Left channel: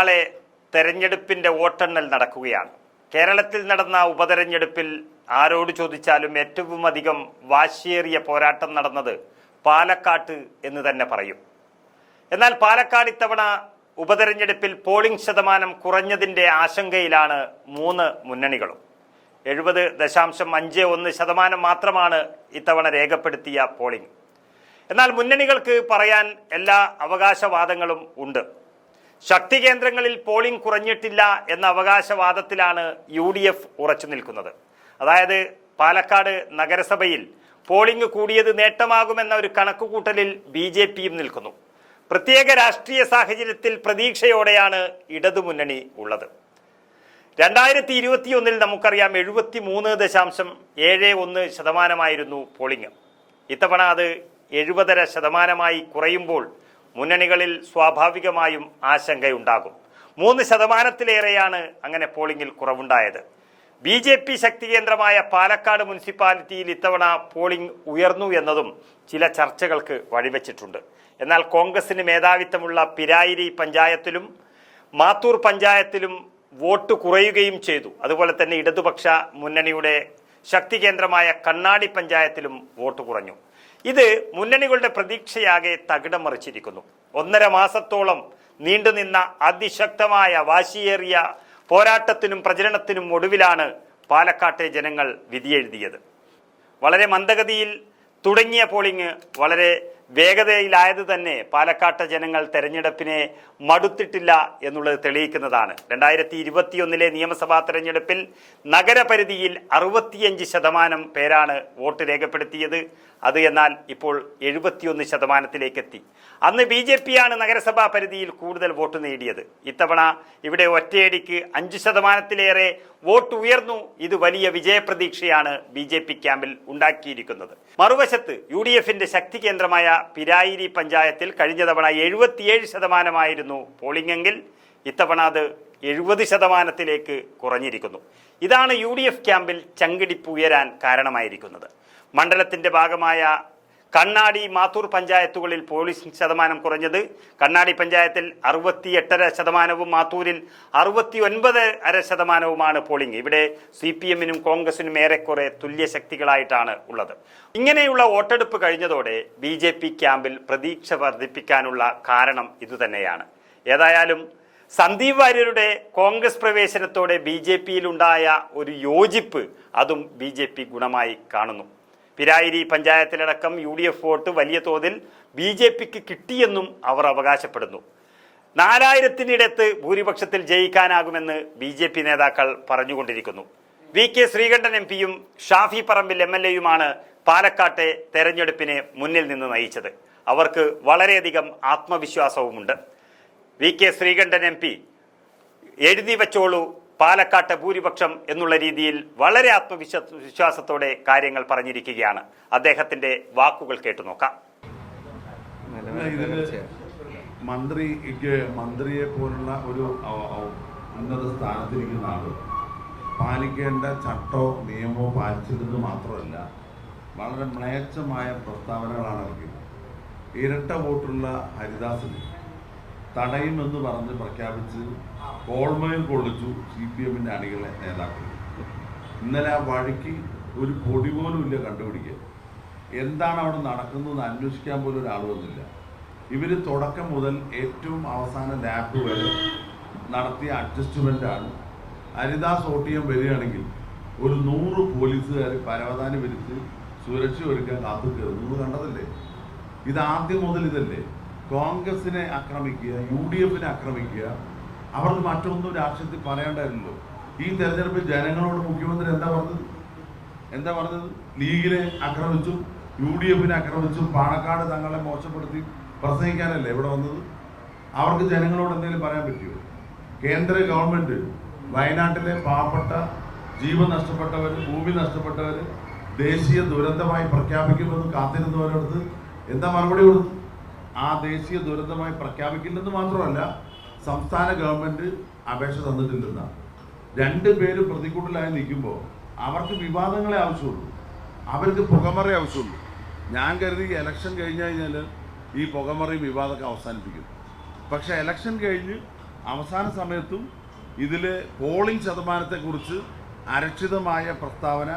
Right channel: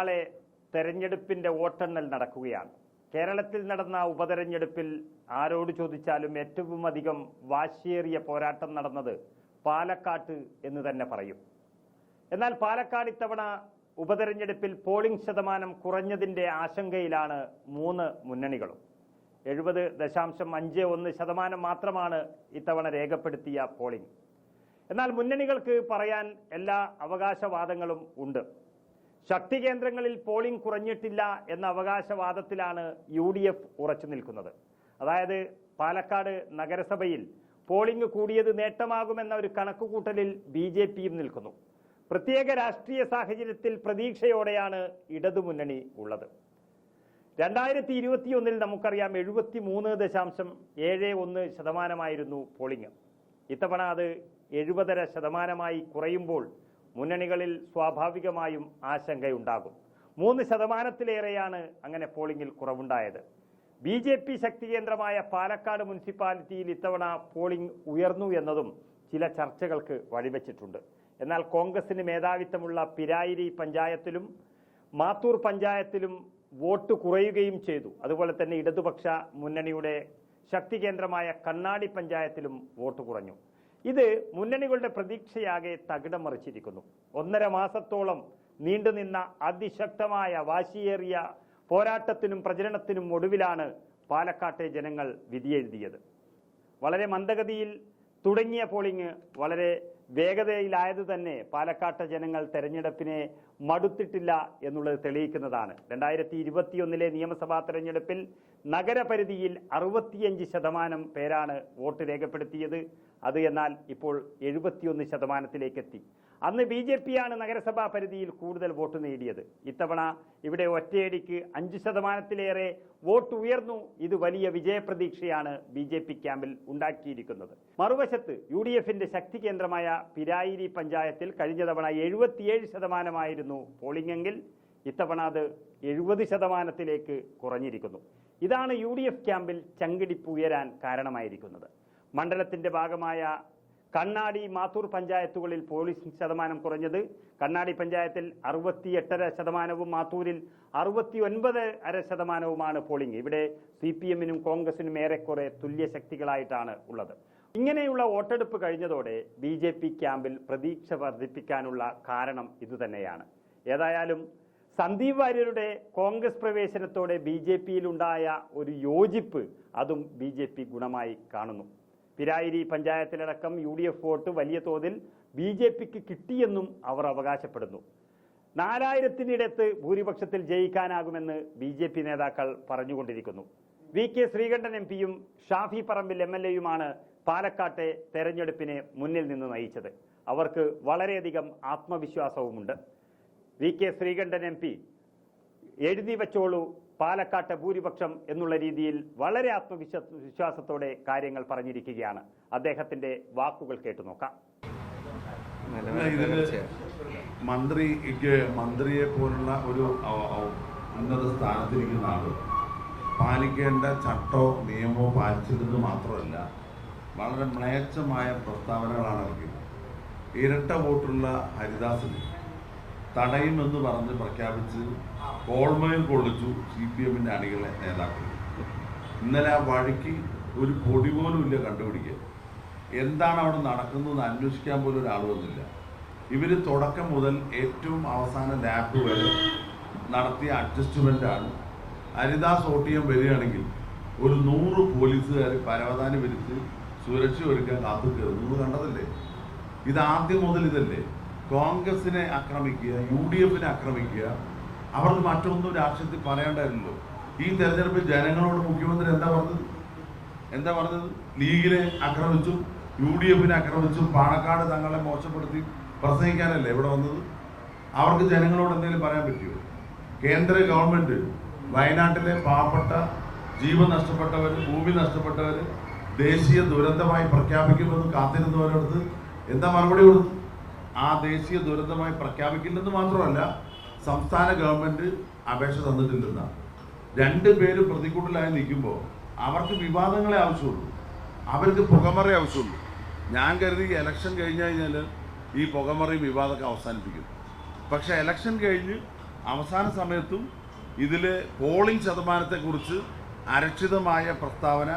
നാളെ തെരഞ്ഞെടുപ്പിന്റെ വോട്ടെണ്ണൽ നടക്കുകയാണ്. കേരളത്തിൽ നടന്ന ഉപതെരഞ്ഞെടുപ്പിൽ ആരോട് ചോദിച്ചാലും ഏറ്റവും അധികം വാശിയേറിയ പോരാട്ടം നടന്നത് പാലക്കാട്ട് എന്ന് തന്നെ പറയും. എന്നാൽ പാലക്കാട് ഇത്തവണ ഉപതെരഞ്ഞെടുപ്പിൽ പോളിംഗ് ശതമാനം കുറഞ്ഞതിൻ്റെ ആശങ്കയിലാണ് മൂന്ന് മുന്നണികളും. 70.51% മാത്രമാണ് ഇത്തവണ രേഖപ്പെടുത്തിയ പോളിംഗ്. എന്നാൽ മുന്നണികൾക്ക് പറയാൻ എല്ലാ അവകാശവാദങ്ങളും ഉണ്ട്. ശക്തി കേന്ദ്രങ്ങളിൽ പോളിംഗ് കുറഞ്ഞിട്ടില്ല എന്ന അവകാശവാദത്തിലാണ് UDF ഉറച്ചു നിൽക്കുന്നത്. അതായത് പാലക്കാട് നഗരസഭയിൽ പോളിംഗ് കൂടിയത് നേട്ടമാകുമെന്ന ഒരു കണക്കുകൂട്ടലിൽ BJPയും നിൽക്കുന്നു. പ്രത്യേക രാഷ്ട്രീയ സാഹചര്യത്തിൽ പ്രതീക്ഷയോടെയാണ് ഇടതുമുന്നണി ഉള്ളത്. 2021 നമുക്കറിയാം 73.71% പോളിംഗ്. ഇത്തവണ അത് 70.5% കുറയുമ്പോൾ മുന്നണികളിൽ സ്വാഭാവികമായും ആശങ്കയുണ്ടാകും. 3%-ലേറെയാണ് അങ്ങനെ പോളിംഗിൽ കുറവുണ്ടായത്. BJP ശക്തി കേന്ദ്രമായ പാലക്കാട് മുനിസിപ്പാലിറ്റിയിൽ ഇത്തവണ പോളിംഗ് ഉയർന്നു എന്നതും ചില ചർച്ചകൾക്ക് വഴിവെച്ചിട്ടുണ്ട്. എന്നാൽ കോൺഗ്രസിന് മേധാവിത്വമുള്ള പിരായിരി പഞ്ചായത്തിലും മാത്തൂർ പഞ്ചായത്തിലും വോട്ട് കുറയുകയും ചെയ്തു. അതുപോലെ തന്നെ ഇടതുപക്ഷ മുന്നണിയുടെ ശക്തി കേന്ദ്രമായ കണ്ണാടി പഞ്ചായത്തിലും വോട്ട് കുറഞ്ഞു. ഇത് മുന്നണികളുടെ പ്രതീക്ഷയാകെ തകിടം മറിച്ചിരിക്കുന്നു. 1.5 മാസത്തോളം നീണ്ടുനിന്ന അതിശക്തമായ വാശിയേറിയ പോരാട്ടത്തിനും പ്രചരണത്തിനും ഒടുവിലാണ് പാലക്കാട്ടെ ജനങ്ങൾ വിധിയെഴുതിയത്. വളരെ മന്ദഗതിയിൽ തുടങ്ങിയ പോളിംഗ് വളരെ വേഗതയിലായത് തന്നെ പാലക്കാട്ടെ ജനങ്ങൾ തെരഞ്ഞെടുപ്പിനെ മടുത്തിട്ടില്ല എന്നുള്ളത് തെളിയിക്കുന്നതാണ്. 2021 നിയമസഭാ തെരഞ്ഞെടുപ്പിൽ നഗരപരിധിയിൽ 65% പേരാണ് വോട്ട് രേഖപ്പെടുത്തിയത്. അത് എന്നാൽ ഇപ്പോൾ 71%-ലേക്ക് എത്തി. അന്ന് BJPയാണ് നഗരസഭാ പരിധിയിൽ കൂടുതൽ വോട്ട് നേടിയത്. ഇത്തവണ ഇവിടെ ഒറ്റയടിക്ക് 5%-ലേറെ വോട്ട് ഉയർന്നു. ഇത് വലിയ വിജയപ്രതീക്ഷയാണ് BJP ക്യാമ്പിൽ ഉണ്ടാക്കിയിരിക്കുന്നത്. മറുവശത്ത് UDFന്റെ ശക്തി കേന്ദ്രമായ പിരായിരി പഞ്ചായത്തിൽ കഴിഞ്ഞ തവണ 77% പോളിംഗ് എങ്കിൽ ഇത്തവണ അത് 70%-ലേക്ക് കുറഞ്ഞിരിക്കുന്നു. ഇതാണ് UDF ക്യാമ്പിൽ ചങ്കിടിപ്പ് ഉയരാൻ കാരണമായിരിക്കുന്നത്. മണ്ഡലത്തിന്റെ ഭാഗമായ കണ്ണാടി മാത്തൂർ പഞ്ചായത്തുകളിൽ പോളിംഗ് ശതമാനം കുറഞ്ഞത്. കണ്ണാടി പഞ്ചായത്തിൽ 68.5%, മാത്തൂരിൽ 69.5% പോളിംഗ്. ഇവിടെ CPM-നും കോൺഗ്രസിനും ഏറെക്കുറെ തുല്യ ശക്തികളായിട്ടാണ് ഉള്ളത്. ഇങ്ങനെയുള്ള വോട്ടെടുപ്പ് കഴിഞ്ഞതോടെ BJP ക്യാമ്പിൽ പ്രതീക്ഷ വർദ്ധിപ്പിക്കാനുള്ള കാരണം ഇതുതന്നെയാണ്. ഏതായാലും സന്ദീപ് വാര്യരുടെ കോൺഗ്രസ് പ്രവേശനത്തോടെ BJPയിലുണ്ടായ ഒരു യോജിപ്പ് അതും BJP ഗുണമായി കാണുന്നു. പിരായിരി പഞ്ചായത്തിലടക്കം UDF വോട്ട് വലിയ തോതിൽ BJPക്ക് കിട്ടിയെന്നും അവർ അവകാശപ്പെടുന്നു. 4000-നിടത്ത് ഭൂരിപക്ഷത്തിൽ ജയിക്കാനാകുമെന്ന് BJP നേതാക്കൾ പറഞ്ഞുകൊണ്ടിരിക്കുന്നു. VK ശ്രീകണ്ഠൻ MP-യും ഷാഫി പറമ്പിൽ MLA-യുമാണ് പാലക്കാട്ടെ തെരഞ്ഞെടുപ്പിനെ മുന്നിൽ നിന്ന് നയിച്ചത്. അവർക്ക് വളരെയധികം ആത്മവിശ്വാസവുമുണ്ട്. VK ശ്രീകണ്ഠൻ MP എഴുതി വച്ചോളൂ പാലക്കാട്ടെ ഭൂരിപക്ഷം എന്നുള്ള രീതിയിൽ വളരെ ആത്മവിശ്വാസത്തോടെ കാര്യങ്ങൾ പറഞ്ഞിരിക്കുകയാണ്. അദ്ദേഹത്തിന്റെ വാക്കുകൾ കേട്ടു നോക്കാം. മന്ത്രിയെ പോലുള്ള ഒരു ഉന്നത സ്ഥാനത്തിരിക്കുന്ന ആള് പാലിക്കേണ്ട ചട്ടോ നിയമമോ പാലിച്ചിരുന്നത് മാത്രമല്ല, വളരെ മ്ലേച്ഛമായ പ്രസ്താവനകളാണ് ഇറക്കിയത്. ഇരട്ട വോട്ടുള്ള ഹരിദാസിന് തടയുമെന്ന് പറഞ്ഞ് പ്രഖ്യാപിച്ച് കോൾമയിൽ കൊള്ളിച്ചു CPM-ന്റെ അണികളെ നേതാക്കൾ. ഇന്നലെ ആ വഴിക്ക് ഒരു പൊടി പോലും ഇല്ല കണ്ടുപിടിക്കുക. എന്താണ് അവിടെ നടക്കുന്നതെന്ന് അന്വേഷിക്കാൻ പോലും ഒരാൾ വന്നില്ല. ഇവർ തുടക്കം മുതൽ ഏറ്റവും അവസാന ലാപ്പ് വരെ നടത്തിയ അഡ്ജസ്റ്റ്മെൻ്റാണ്. ഹരിദാസ് വോട്ട് ചെയ്യാൻ വരികയാണെങ്കിൽ ഒരു 100 പോലീസുകാർ പരവതാനി വിരിച്ച് സുരക്ഷ ഒരുക്കാൻ കാത്തു കയറുന്നു. നിങ്ങൾ കണ്ടതല്ലേ? ഇത് ആദ്യം മുതൽ ഇതല്ലേ? കോൺഗ്രസിനെ ആക്രമിക്കുക, UDF-നെ ആക്രമിക്കുക. അവർക്ക് മറ്റൊന്നും രാഷ്ട്രീയത്തിൽ പറയേണ്ടായിരുന്നല്ലോ. ഈ തെരഞ്ഞെടുപ്പിൽ ജനങ്ങളോട് മുഖ്യമന്ത്രി എന്താ പറഞ്ഞത്? ലീഗിനെ ആക്രമിച്ചു, UDF-നെ ആക്രമിച്ചു, പാണക്കാട് തങ്ങളെ മോശപ്പെടുത്തി പ്രസംഗിക്കാനല്ലേ ഇവിടെ വന്നത്? അവർക്ക് ജനങ്ങളോട് എന്തെങ്കിലും പറയാൻ പറ്റുമോ? കേന്ദ്ര ഗവൺമെന്റ് വയനാട്ടിലെ പാവപ്പെട്ട, ജീവൻ നഷ്ടപ്പെട്ടവർ, ഭൂമി നഷ്ടപ്പെട്ടവർ ദേശീയ ദുരന്തമായി പ്രഖ്യാപിക്കുമെന്ന് കാത്തിരുന്നവരടുത്ത് എന്താ മറുപടി കൊടുത്തു? ആ ദേശീയ ദുരന്തമായി പ്രഖ്യാപിക്കില്ലെന്ന് മാത്രമല്ല, സംസ്ഥാന ഗവൺമെന്റ് അപേക്ഷ തന്നിട്ടില്ലെന്നാണ്. 2 പേര് പ്രതികൂട്ടിലായി നിൽക്കുമ്പോൾ അവർക്ക് വിവാദങ്ങളെ ആവശ്യമുള്ളൂ, അവർക്ക് പുകമറ ആവശ്യമുള്ളൂ. ഞാൻ കരുതി ഇലക്ഷൻ കഴിഞ്ഞ് കഴിഞ്ഞാൽ ഈ പുകമറയും വിവാദമൊക്കെ അവസാനിപ്പിക്കും. പക്ഷേ ഇലക്ഷൻ കഴിഞ്ഞ് അവസാന സമയത്തും ഇതിൽ പോളിംഗ് ശതമാനത്തെക്കുറിച്ച് അരക്ഷിതമായ പ്രസ്താവന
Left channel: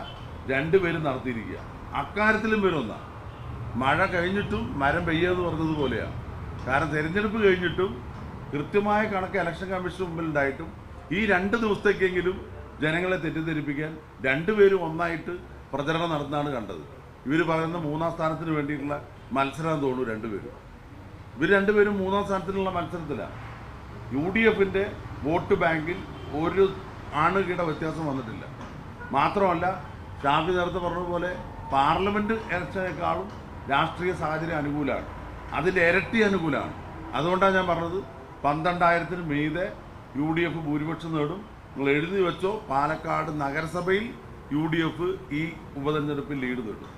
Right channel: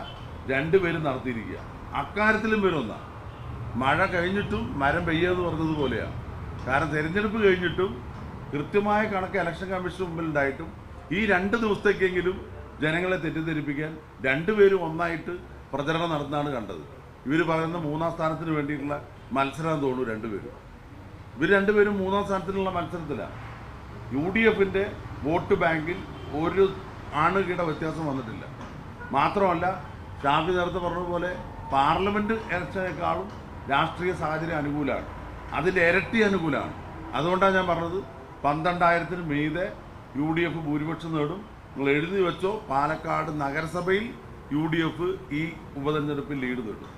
രണ്ടുപേരും നടത്തിയിരിക്കുക. അക്കാര്യത്തിലും വരുന്ന മഴ കഴിഞ്ഞിട്ടും മരം പെയ്യെന്ന് പറഞ്ഞതുപോലെയാണ്. കാരണം തിരഞ്ഞെടുപ്പ് കഴിഞ്ഞിട്ടും കൃത്യമായ കണക്ക് ഇലക്ഷൻ കമ്മീഷൻ മുമ്പിലുണ്ടായിട്ടും ഈ 2 ദിവസത്തേക്കെങ്കിലും ജനങ്ങളെ തെറ്റിദ്ധരിപ്പിക്കാൻ രണ്ടുപേരും ഒന്നായിട്ട് പ്രചരണം നടത്തുന്നതാണ് കണ്ടത്. ഇവർ പറയുന്ന 3ാം സ്ഥാനത്തിന് വേണ്ടിയിട്ടുള്ള മത്സരം തോന്നുന്നു രണ്ടുപേരും. ഇവർ രണ്ടുപേരും 3ാം സ്ഥാനത്തിനുള്ള മത്സരത്തിലാണ്. UDFന്റെ വോട്ട് ബാങ്കിൽ ഒരു ആണുകിട വ്യത്യാസം വന്നിട്ടില്ല. മാത്രമല്ല, ഷാഫി നേരത്തെ പറഞ്ഞതുപോലെ പാർലമെന്റ് ഇലക്ഷനേക്കാളും രാഷ്ട്രീയ സാഹചര്യം അനുകൂലമാണ്, അതിൻ്റെ ഇരട്ടി അനുകൂലമാണ്. അതുകൊണ്ടാണ് ഞാൻ പറഞ്ഞത് 12,000-ന് മീതെ UDF ഭൂരിപക്ഷം നേടും. നിങ്ങൾ എഴുതി വെച്ചോ, പാലക്കാട് നഗരസഭയിൽ UDF ഈ ഉപതെരഞ്ഞെടുപ്പിൽ ലീഡ് നേടും.